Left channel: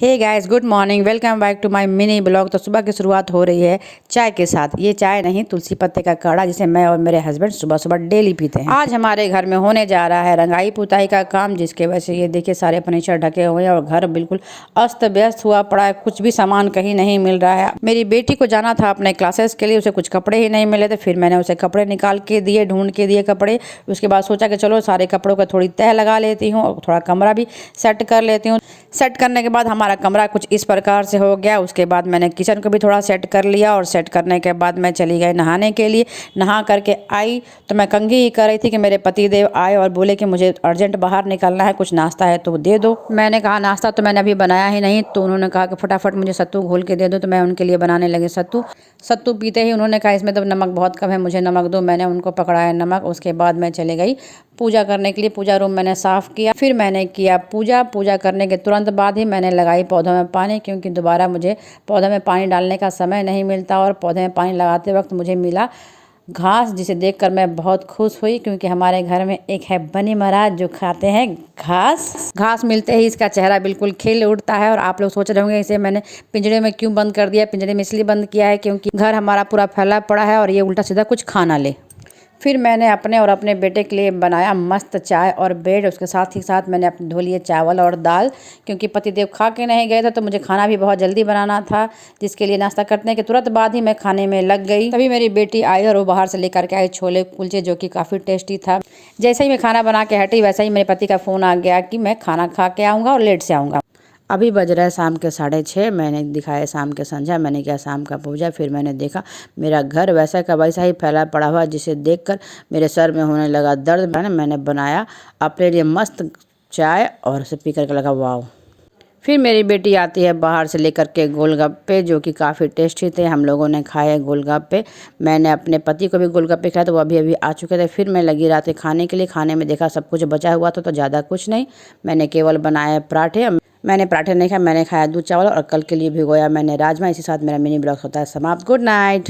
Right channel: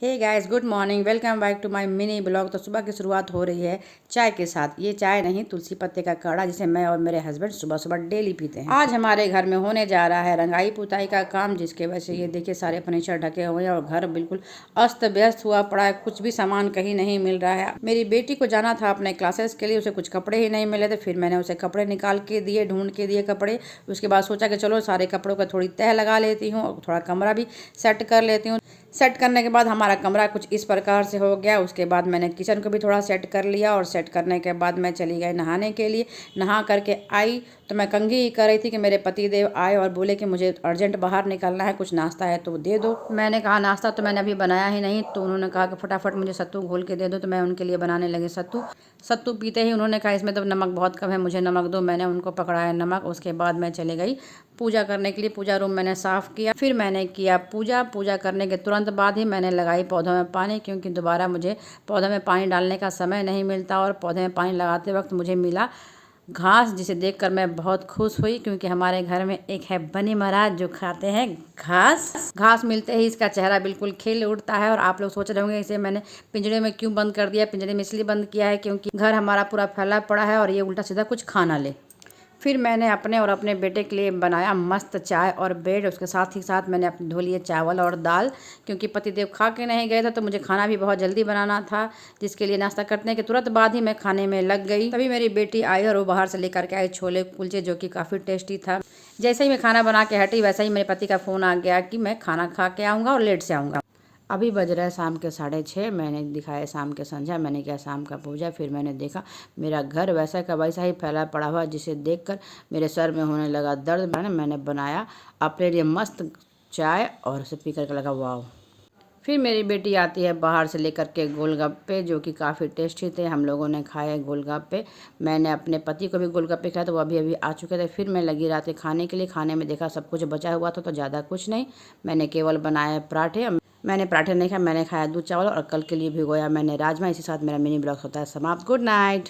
Hey guys, good morning. Welcome back to my mini blog. तो सुबह की शुरुआत हो रही है चाय के साथ। ये चाय नहीं, तुलसी पत्ते का काढ़ा, जिसे मैं और मेरे हस्बैंड सुबह सुबह डेली पीते हैं। आज हमारे घर में होने जा रहा है रंगाई पुताई का काम, जिसके वजह से ये देखिए सारे फर्नीचर ढके हुए हैं और घर बिल्कुल अस्त व्यस्त हुआ पड़ा है। कुछ भी सामान कहीं नहीं मिल रहा है। मेरी बेटी को जाना था अपने क्लासेस के लिए, उसे कुछ कपड़े ही नहीं मिले थे। फिर मैंने उसे कपड़े निकाल के दिए, ढूंढ के दिए कपड़े। उसके बाद सोचा कि चलो सारे कपड़ों का थोड़ी तह लगा लेती हूँ और थोड़ा कमरा भी सेट कर लेती हूँ। सेट करने के बाद हमारा कमरा कुछ इस प्रकार से हो गया। उसके बाद मैंने किचन को भी थोड़ा सेट कर लिया और सेट करने के बाद मैं चली गई नहाने के लिए। नहा करके आई तो मैं कंघी ही कर रही थी कि मेरे पति देव आए और बोले कि मुझे अर्जेंट बाहर निकलना है, कुछ नाश्ता है तो दे दो। मैंने कहा नाश्ता तो मैंने अभी बनाया ही नहीं। तो उन्होंने कहा कि फटाफट मुझे सत्तू घोल के दे दो। तो मैं उनके लिए बनाने लगी सत्तू। सत्तू पीते ही उन्होंने कहा इसमें तो नमक बहुत कम है, मुझे नमक दो। मैंने उनको पकड़ाया नमक। उसके बाद मैं चली गई पूजा करने के लिए। पूजा रूम मैंने साफ़ किया, फिर मैंने किया पूजा करने के तुरंत बाद ही मैंने लगाई पौधों में पानी, क्योंकि दोबारा मुझे पौधों में पानी डालने का समय नहीं मिलता। और पौधे में पानी लगाते वक्त मुझे मिला घास, जिसे देखकर मैं बहुत खुश हुई, क्योंकि हमारे घर में एक है बनी महाराज जो खाते हैं घास। घास मिलते ही इसका चेहरा बिल्कुल खिल उठता है। और आप लोग सोच रहे होंगे इसे मैंने पिंजरे में क्यों बंद कर दिया। पिंजरे में इसलिए बंद किया है क्योंकि घर हमारा पूरा फैला पड़ा है और ये उल्टा सीधा कुछ खा ना ले। फिर मैंने अपने और अपने बेटे के लिए बनाया मस्त चाय और ब्रेड। उसके साथ ही साथ मैंने अपने धो लिए चावल और दाल, क्योंकि पतिदेव खा के नहीं गए थे तो मुझे खाना भी बहुत जल्दी बनाना था, जिसके लिए नाश्ता करने के तुरंत बाद ही मैं खाने में लग गई। तभी मेरी बेटी आई और वो बाहर से लेकर के आई छोले कुलचे, जो कि काफ़ी टेस्टी था। जैसे ही मैं खाना बना के हटी, वैसे ही मेरे पति का फ़ोन आ गया कि मैं खाना खा के आऊँगा और लेट से आऊँगा। अभी बज रहा है शाम के 6:30। मैंने दिखाया शाम के संध्या, मैंने किया शाम का पूजा। फिर मैंने देखा मेरा घर वैसा का वैसा ही फैला पड़ा हुआ, जिसे देखकर मेरे सर में होने लगा दर्द। मैंने बनाया अपने लिए मस्त चाय और उसे पी करके लगा वाह। फिर मेरी बेटी आती है बाहर से लेकर के गोलगप्पे, जो कि काफ़ी टेस्टी थे। हम लोगों ने खाए गोलगप्पे। मैंने अपने पति को भी गोलगप्पे खाए, तो वो अभी अभी आ चुके थे। फिर मैं लगी रात खाने के लिए। खाने में देखा सब कुछ बचा हुआ था, तो ज़्यादा कुछ नहीं। मैंने केवल बनाए पराठे। मैंने पराठे नहीं खाया, मैंने खाया दूध चावल और कल के लिए भिगोया मैंने राजमा। इसी साथ मेरा मिनी ब्लॉग होता है समाप्त। Good night.